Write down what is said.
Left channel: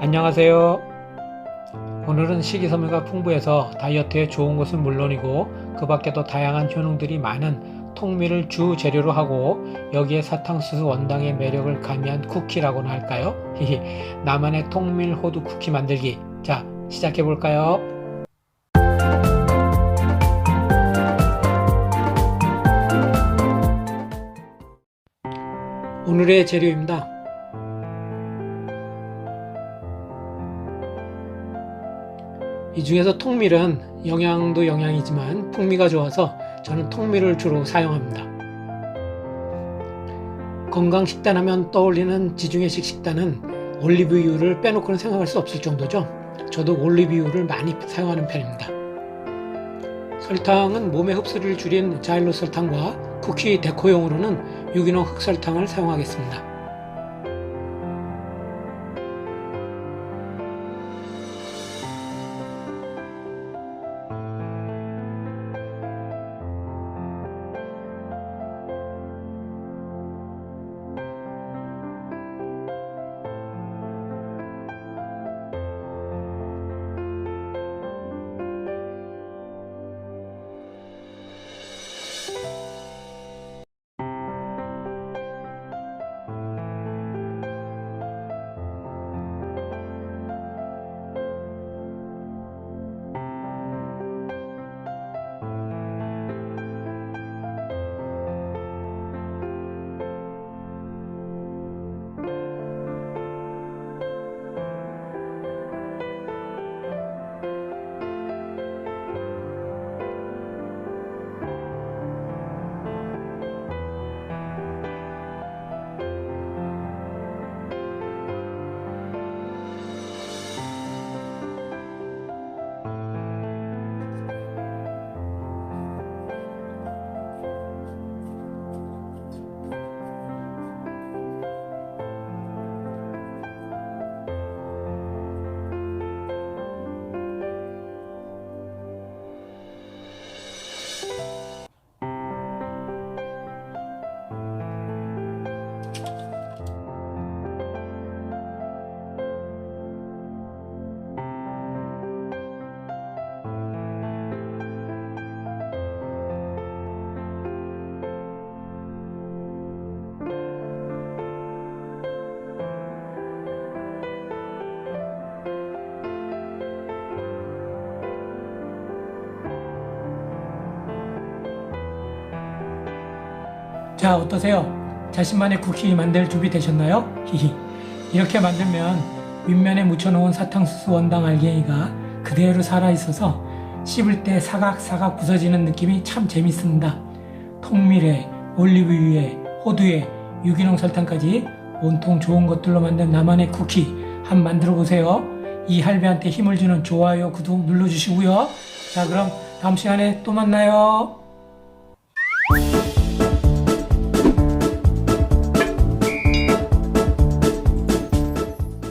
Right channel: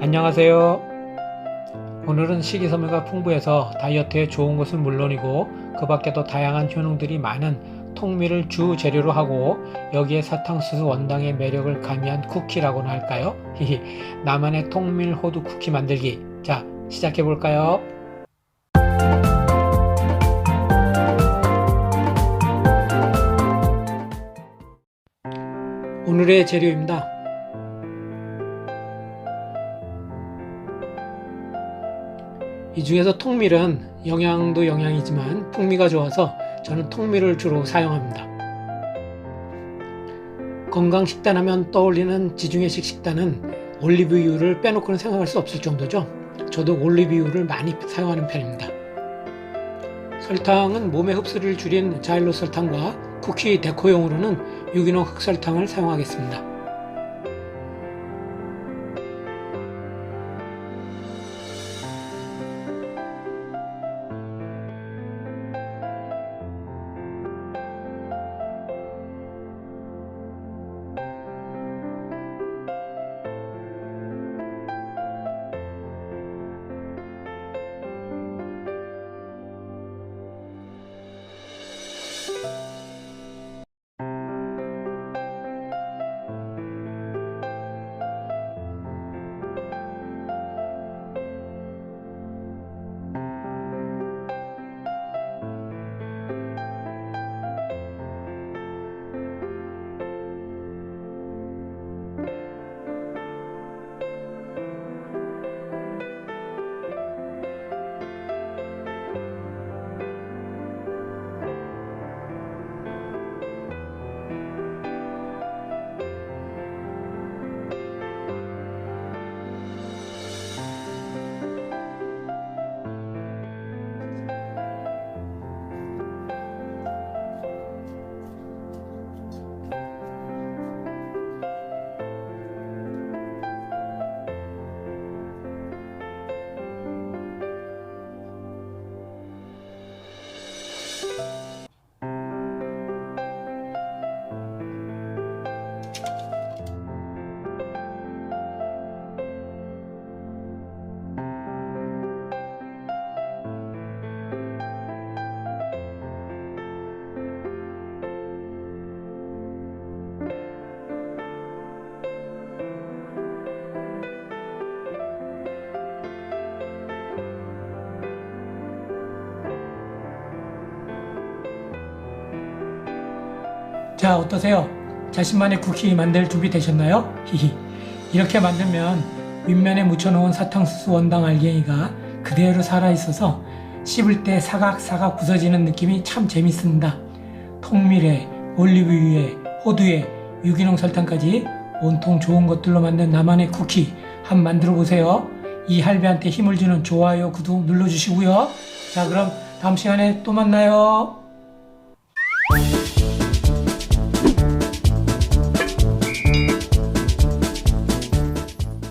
안녕하세요. 오늘은 식이섬유가 풍부해서 다이어트에 좋은 것은 물론이고 그 밖에도 다양한 효능들이 많은 통밀을 주 재료로 하고 여기에 사탕수수 원당의 매력을 가미한 쿠키라고나 할까요? 나만의 통밀 호두 쿠키 만들기. 자, 시작해 볼까요? 오늘의 재료입니다. 이 중에서 통밀은 영양도 영양이지만 풍미가 좋아서 저는 통밀을 주로 사용합니다. 건강 식단하면 떠올리는 지중해식 식단은 올리브유를 빼놓고는 생각할 수 없을 정도죠. 저도 올리브유를 많이 사용하는 편입니다. 설탕은 몸의 흡수를 줄인 자일로 설탕과 쿠키 데코용으로는 유기농 흑설탕을 사용하겠습니다. 자, 어떠세요? 자신만의 쿠키 만들 준비 되셨나요? 히히. 이렇게 만들면 윗면에 묻혀놓은 사탕수수 원당 알갱이가 그대로 살아있어서 씹을 때 사각사각 부서지는 느낌이 참 재밌습니다. 통밀에, 올리브유에, 호두에, 유기농 설탕까지 온통 좋은 것들로 만든 나만의 쿠키 한번 만들어 보세요. 이 할배한테 힘을 주는 좋아요, 구독 눌러주시고요. 자, 그럼 다음 시간에 또 만나요.